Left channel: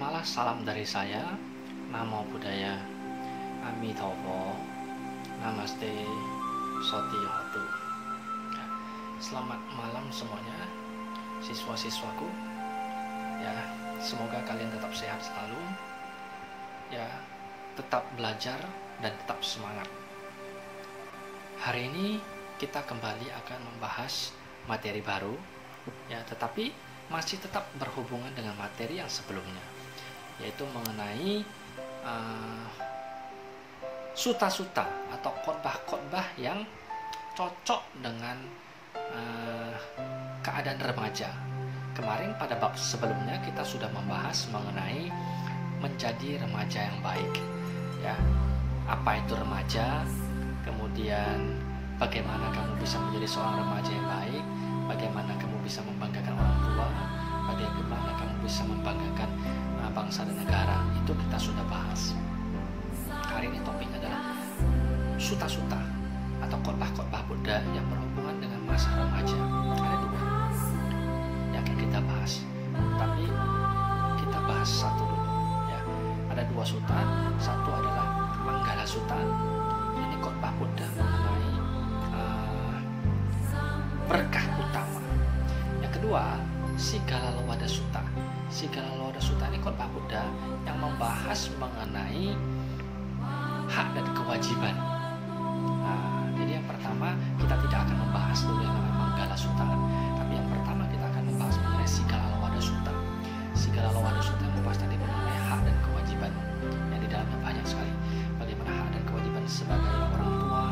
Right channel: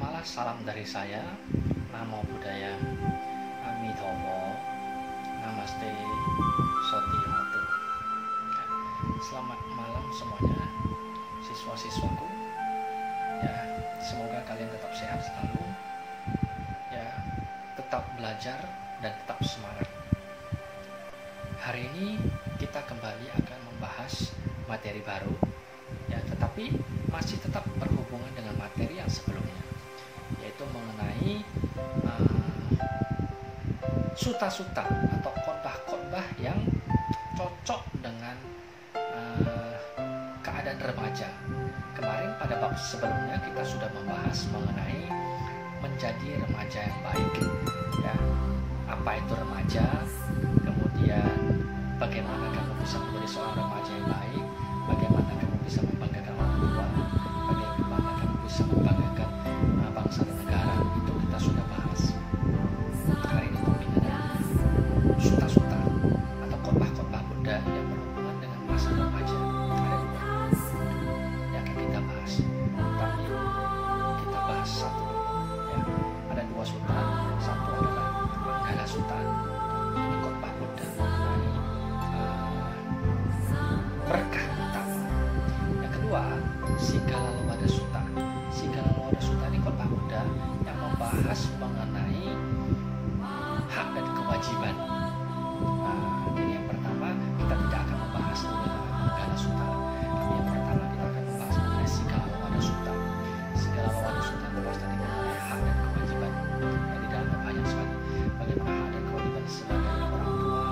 Terimalah salam dari saya, Namo Buddhaya, Amitabha, Namaste, Soti Hatu. Selamat malam semuanya, siswa-siswaku. Ya, semoga kalian tetap sehat selalu. Ya, tetap belajar dan tetap semangat. Hari ini kita kembali akan membahas materi baru, ya, tetapi masih tetap berhubungan dengan materi yang sebelumnya, yaitu mengenai suta-suta atau khotbah-khotbah yang cocok dengan keadaan remaja. Kemarin pada bab sebelumnya kita sudah membahas mengenai menjadi remaja yang baik, ya, apa itu remaja, kemudian bagaimana kamu bisa menjadi seorang remaja yang baik, bagaimana kamu bisa membanggakan orang tua, bagaimana kamu bisa membanggakan bangsa dan negara. Itu kita sudah bahas. Hari ini topiknya adalah suta-suta atau khotbah-khotbah Buddha yang berhubungan dengan masa remaja. Ada dua yang akan kita bahas, tapi kita bahas satu dulu, ya. Ada dua suta. Satu adalah Manggala Sutta. Ini khotbah Buddha mengenai berkah utama. Yang kedua, Sigalalowada Sutta. Sigalalowada Sutta ini khotbah Buddha yang membahas mengenai hak dan kewajiban. Jadi yang pertama kita tidak akan membahas dulu yang namanya Manggala Sutta, tapi yang pertama kita akan membahas mengenai Sigalalowada Sutta. Sigalalowada Sutta yang membahas tadi mengenai hak dan kewajiban, yang di dalamnya banyak sekali. Bagaimana hak dan kewajiban sebagai orang tua,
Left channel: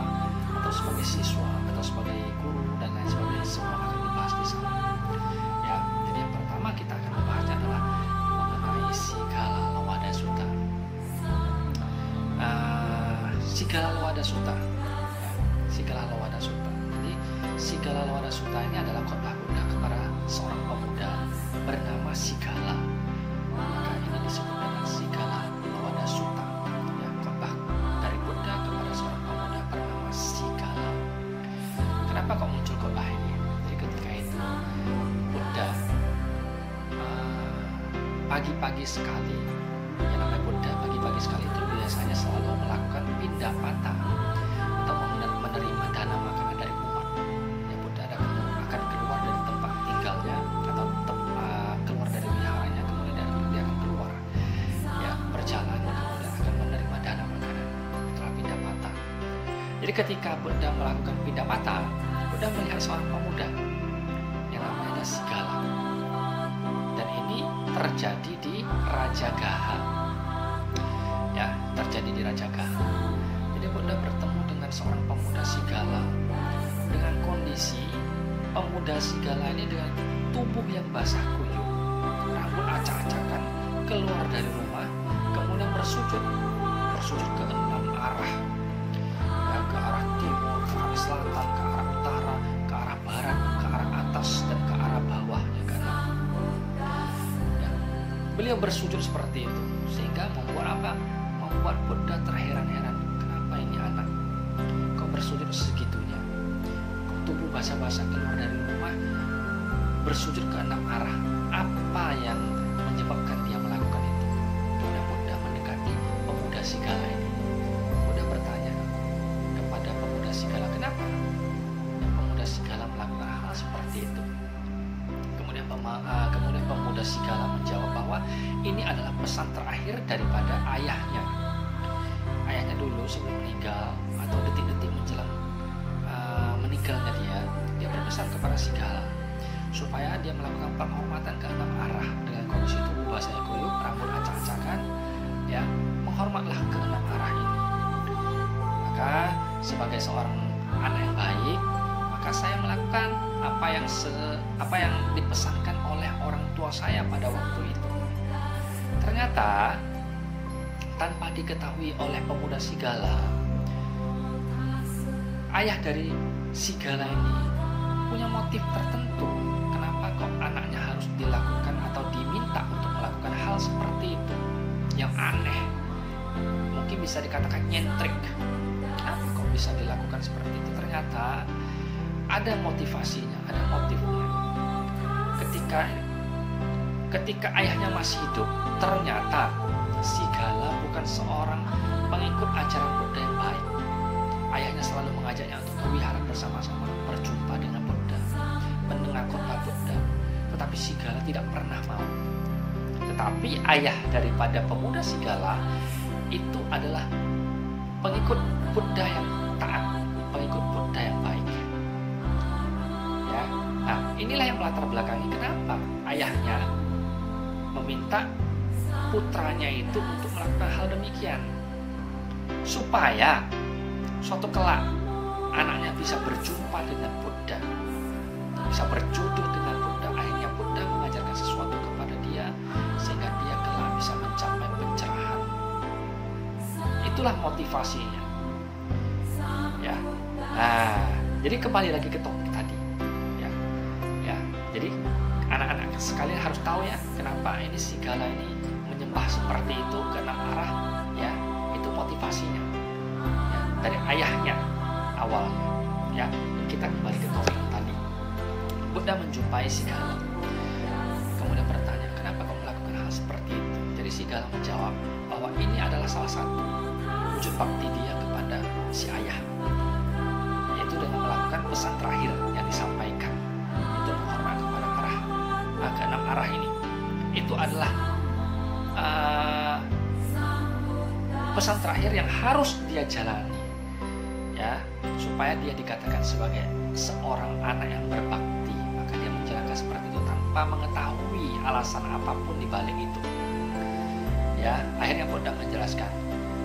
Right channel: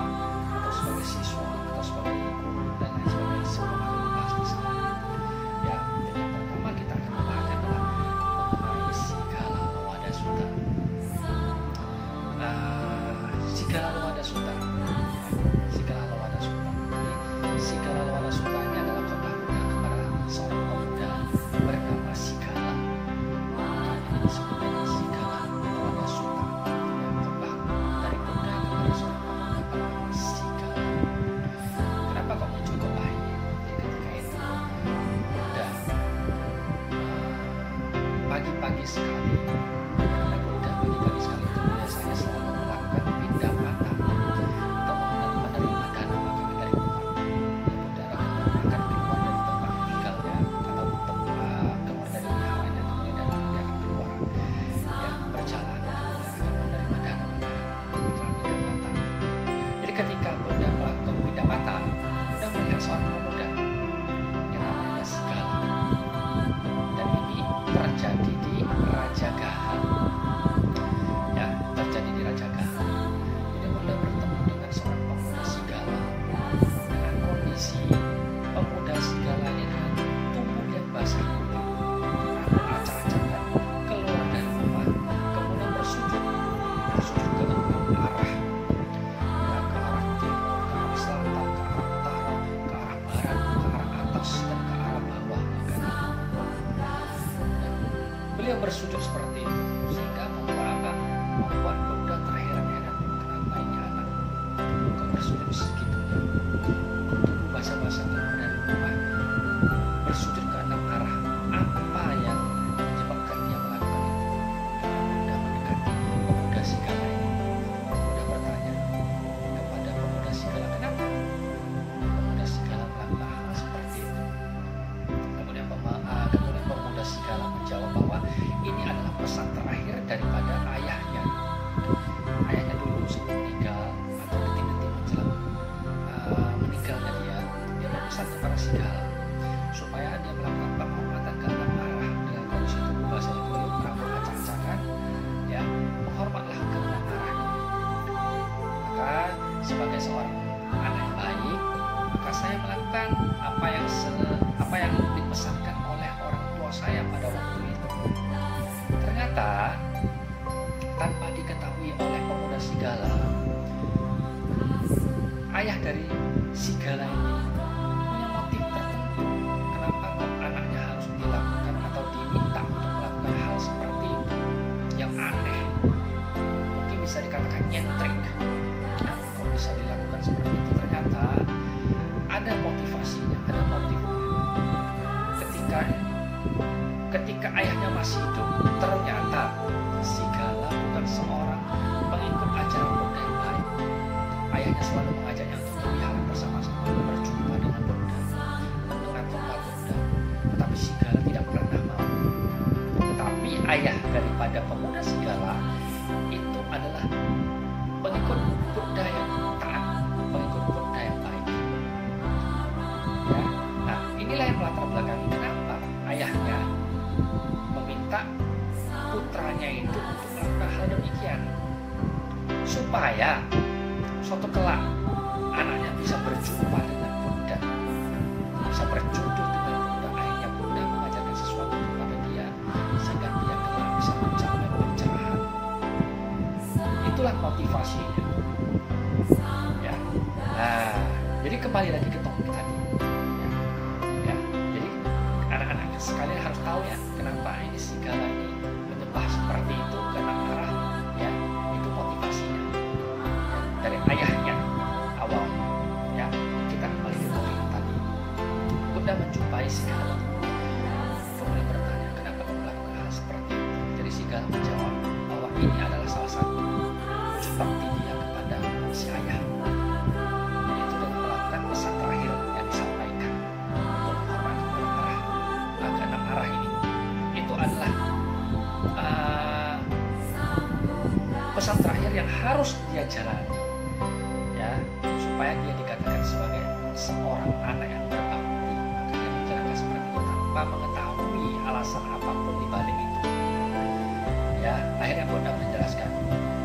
atau sebagai siswa, atau sebagai guru, dan lain sebagainya. Semua akan dibahas di sana. Ya, jadi yang pertama kita akan membahasnya adalah mengenai Sigalalowada Sutta. Sigalalowada Sutta. Sigalalowada Sutta. Jadi Sigalalowada Sutta ini adalah khotbah Buddha kepada seorang pemuda bernama Sigala. Maka ini disebut dengan Sigalalowada Sutta. Yang khotbah dari Buddha kepada seorang pemuda bernama Sigala. Kenapa kok muncul khotbah ini? Jadi ketika itu Buddha pagi-pagi sekali, yang namanya Buddha pagi-pagi sekali itu biasanya selalu melakukan pindah mata atau menerima dana makanan dari umat. Ya, Buddha akan keluar dari tempat tinggalnya atau keluar dari wiharanya, kemudian dia akan keluar, ya, berjalan, dan kemudian akan menerima dana makanan setelah pindah mata. Jadi ketika Buddha melakukan pindah mata, Buddha melihat seorang pemuda yang namanya Sigala, dan ini terjadi di Rajagaha. Ya, terjadi di Rajagaha. Jadi Buddha bertemu dengan seorang pemuda Sigala dengan kondisi pemuda Sigala ini dengan tubuh yang basah kuyup, rambut acak-acakan, keluar dari rumah, kemudian bersujud ke 6 arah, ya, ke arah timur, ke arah selatan, ke arah utara, ke arah barat, ke arah atas, dan ke arah bawah, ya kan? Dan beliau bersujud seperti itu sehingga membuat Buddha terheran-heran. Kenapa ini anak kok bersujud segitunya? Kok tubuh basah-basah keluar dari rumah, bersujud ke 6 arah? Apa yang menyebabkan dia melakukan itu? Kemudian Buddha mendekati pemuda Sigala ini. Buddha bertanya kepada pemuda Sigala, kenapa pemuda Sigala melakukan hal seperti itu? Kemudian pemuda Sigala menjawab bahwa ini adalah pesan terakhir daripada ayahnya. Ayahnya dulu sebelum meninggal atau detik-detik menjelang meninggalnya dia berpesan kepada Sigala supaya dia melakukan penghormatan ke 6 arah dengan kondisi tubuh basah kuyup, rambut acak-acakan, ya, menghormatlah ke 6 arah ini. Maka sebagai seorang anak yang baik, maka saya melakukan apa yang dipesankan oleh orang tua saya pada waktu itu. Ternyata tanpa diketahui oleh pemuda Sigala, ayah dari Sigala ini punya motif tertentu. Kenapa kok anaknya harus dilakukan atau diminta untuk melakukan hal seperti itu yang aneh, mungkin bisa dikatakan nyentrik. Kenapa kok bisa dilakukan seperti itu? Ternyata ada motivasinya, ada motifnya. Ketika ketika ayahnya masih hidup, ternyata Sigala bukan seorang pengikut ajaran Buddha yang baik. Ayahnya selalu mengajaknya untuk berwihara bersama-sama, berjumpa dengan Buddha, mendengar khotbah Buddha. Tetapi Sigala tidak pernah mau. Tetapi ayah daripada pemuda Sigala itu adalah pengikut Buddha yang taat, pengikut Buddha yang baik. Ya, nah inilah yang melatar belakangi kenapa ayahnya meminta putranya itu untuk melakukan hal demikian, supaya suatu kelak anaknya bisa berjumpa dengan Buddha, bisa berjodoh dengan Buddha. Akhirnya Buddha mengajarkan sesuatu kepada dia sehingga dia kelak bisa mencapai pencerahan. Itulah motivasinya. Ya. Nah, jadi kembali lagi ke topik tadi. Ya. Jadi anak-anak sekalian harus tahu ya, kenapa ini Sigala ini menyembah seperti itu ke enam arah. Ya, itu motivasinya. Ya, dari ayahnya awalnya. Ya, kita kembali ke topik tadi. Buddha menjumpai Sigala. Kemudian bertanya, kenapa kau melakukan hal seperti itu? Jadi Sigala menjawab bahwa ini adalah salah satu wujud bakti dia kepada si ayah, yaitu dengan melakukan pesan terakhir yang disampaikan untuk menghormati keenam arah ini. Itu adalah pesan terakhir yang harus dia jalani, ya, supaya dia dikatakan sebagai seorang anak yang berbakti. Maka dia menjalankan seperti itu tanpa mengetahui alasan apapun di balik itu. Ya, akhirnya Buddha menjelaskan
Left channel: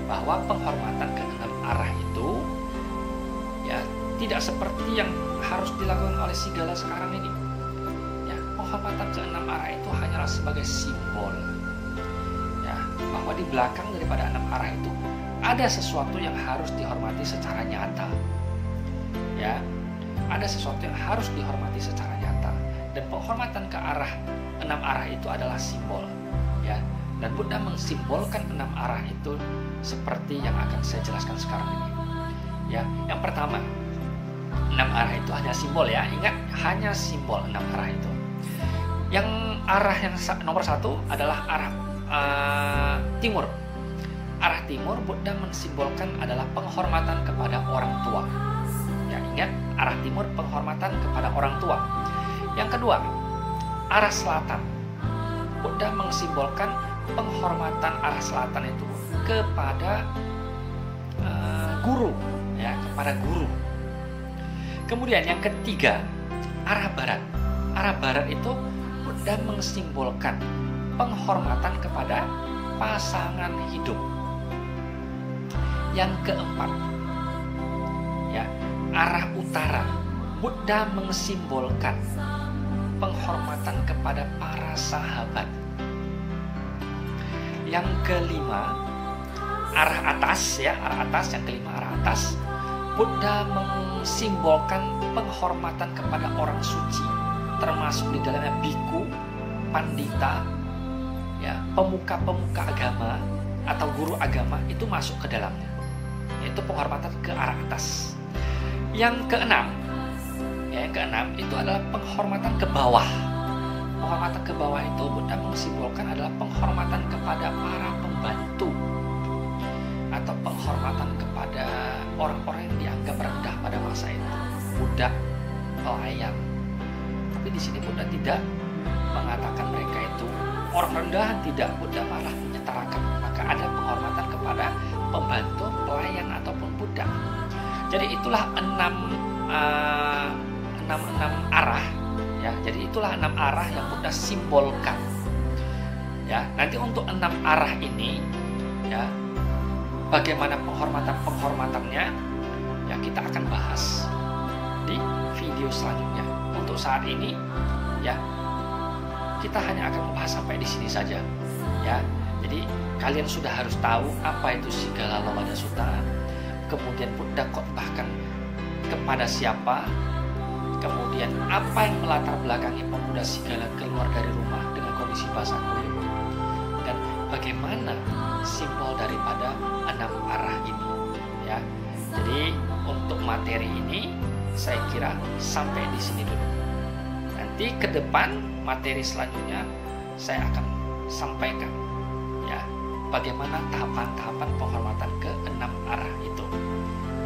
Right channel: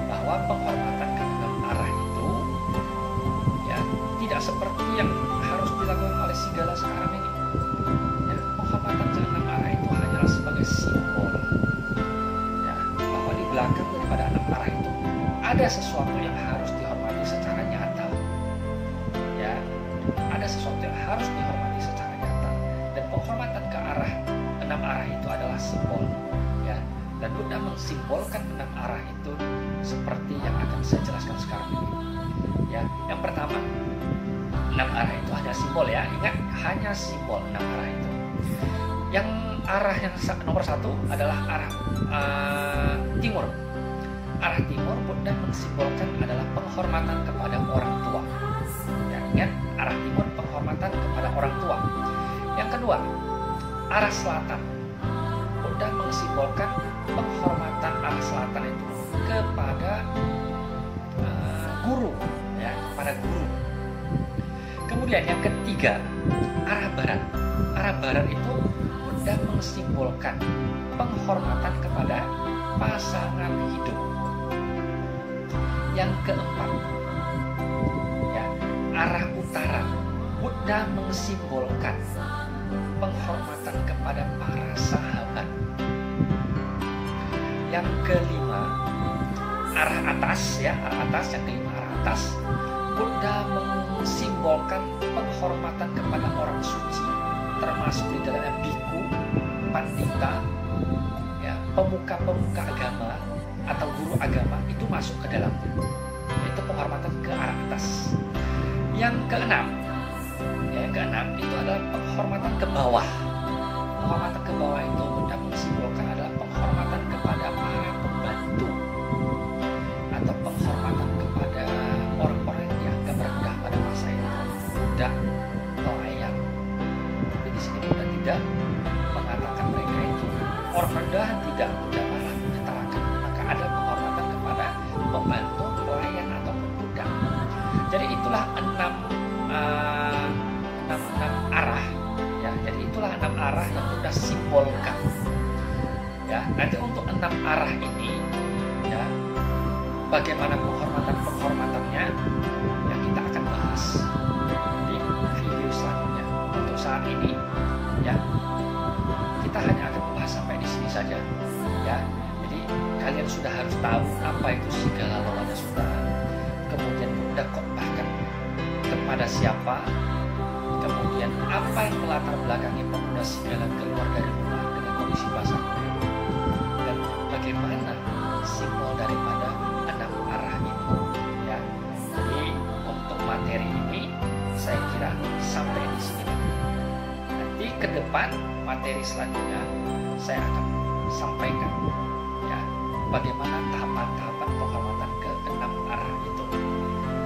bahwa penghormatan ke enam arah itu ya tidak seperti yang harus dilakukan oleh Sigala sekarang ini. Ya, penghormatan ke enam arah itu hanyalah sebagai simbol. Ya, bahwa di belakang daripada enam arah itu ada sesuatu yang harus dihormati secara nyata. Ya, ada sesuatu yang harus dihormati secara nyata. Dan penghormatan ke arah enam arah itu adalah simbol. Ya. Dan Buddha mensimbolkan enam arah itu seperti yang akan saya jelaskan sekarang ini. Ya, yang pertama, enam arah itu hanya simbol ya. Ingat, hanya simbol enam arah itu. Yang arah yang nomor satu adalah arah timur. Arah timur Buddha mensimbolkan adalah penghormatan kepada orang tua. Ya, ingat, arah timur penghormatan kepada orang tua. Yang kedua, arah selatan. Buddha mensimbolkan penghormatan arah selatan itu kepada guru, ya, kepada guru. Kemudian yang ketiga, arah barat. Arah barat itu Buddha mensimbolkan penghormatan kepada pasangan hidup. Yang keempat, ya, arah utara. Buddha mensimbolkan penghormatan kepada para sahabat. Yang kelima, arah atas, ya, arah atas. Yang kelima, arah atas. Buddha mensimbolkan penghormatan kepada orang suci, termasuk di dalamnya biku, pandita, ya, pemuka-pemuka agama atau guru agama itu masuk ke dalamnya. Itu penghormatan ke arah atas. Yang keenam, ya, yang keenam itu adalah penghormatan ke bawah. Penghormatan ke bawah itu Buddha mensimbolkan adalah penghormatan kepada para pembantu atau penghormatan kepada orang-orang yang dianggap rendah pada masa itu, budak, pelayan. Tapi di sini Buddha tidak mengatakan mereka itu orang rendah, tidak. Buddha malah menyetarakan. Maka ada penghormatan kepada pembantu, pelayan ataupun budak. Jadi itulah enam arah. Ya, jadi itulah enam arah yang Buddha simbolkan. Ya, nanti untuk enam arah ini, ya, bagaimana penghormatannya, ya, kita akan bahas di video selanjutnya. Untuk saat ini, ya, kita hanya akan membahas sampai di sini saja. Ya, jadi kalian sudah harus tahu apa itu Sigala Lowada Sutta. Kemudian Buddha khotbahkan kepada siapa. Kemudian apa yang melatar belakangi pemuda Sigala keluar dari rumah dengan kondisi basah kuyup, dan bagaimana simbol daripada enam arah ini, ya. Jadi untuk materi ini saya kira sampai di sini dulu. Nanti ke depan materi selanjutnya saya akan sampaikan ya bagaimana tahapan-tahapan penghormatan ke 6 arah itu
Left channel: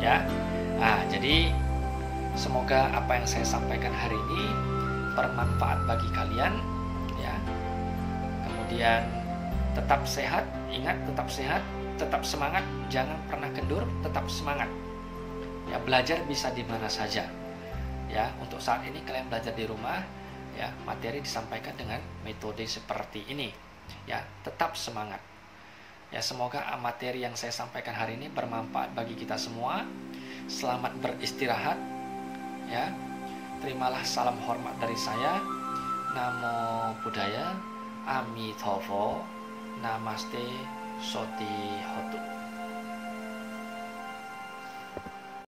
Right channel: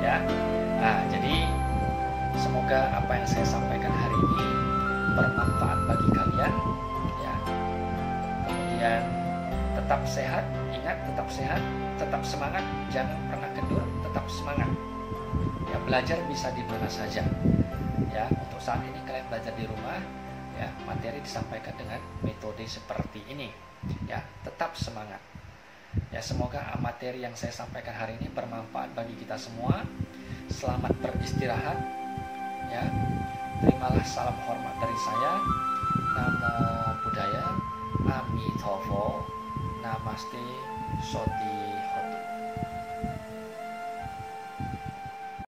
ya. Nah, jadi semoga apa yang saya sampaikan hari ini bermanfaat bagi kalian ya. Kemudian tetap sehat, ingat tetap sehat, tetap semangat, jangan pernah kendur, tetap semangat. Ya, belajar bisa di mana saja. Ya, untuk saat ini kalian belajar di rumah, ya, materi disampaikan dengan metode seperti ini. Ya, tetap semangat. Ya, semoga materi yang saya sampaikan hari ini bermanfaat bagi kita semua. Selamat beristirahat. Ya. Terimalah salam hormat dari saya. Namo Buddhaya, Amitofo, Namaste, Soti Hotu.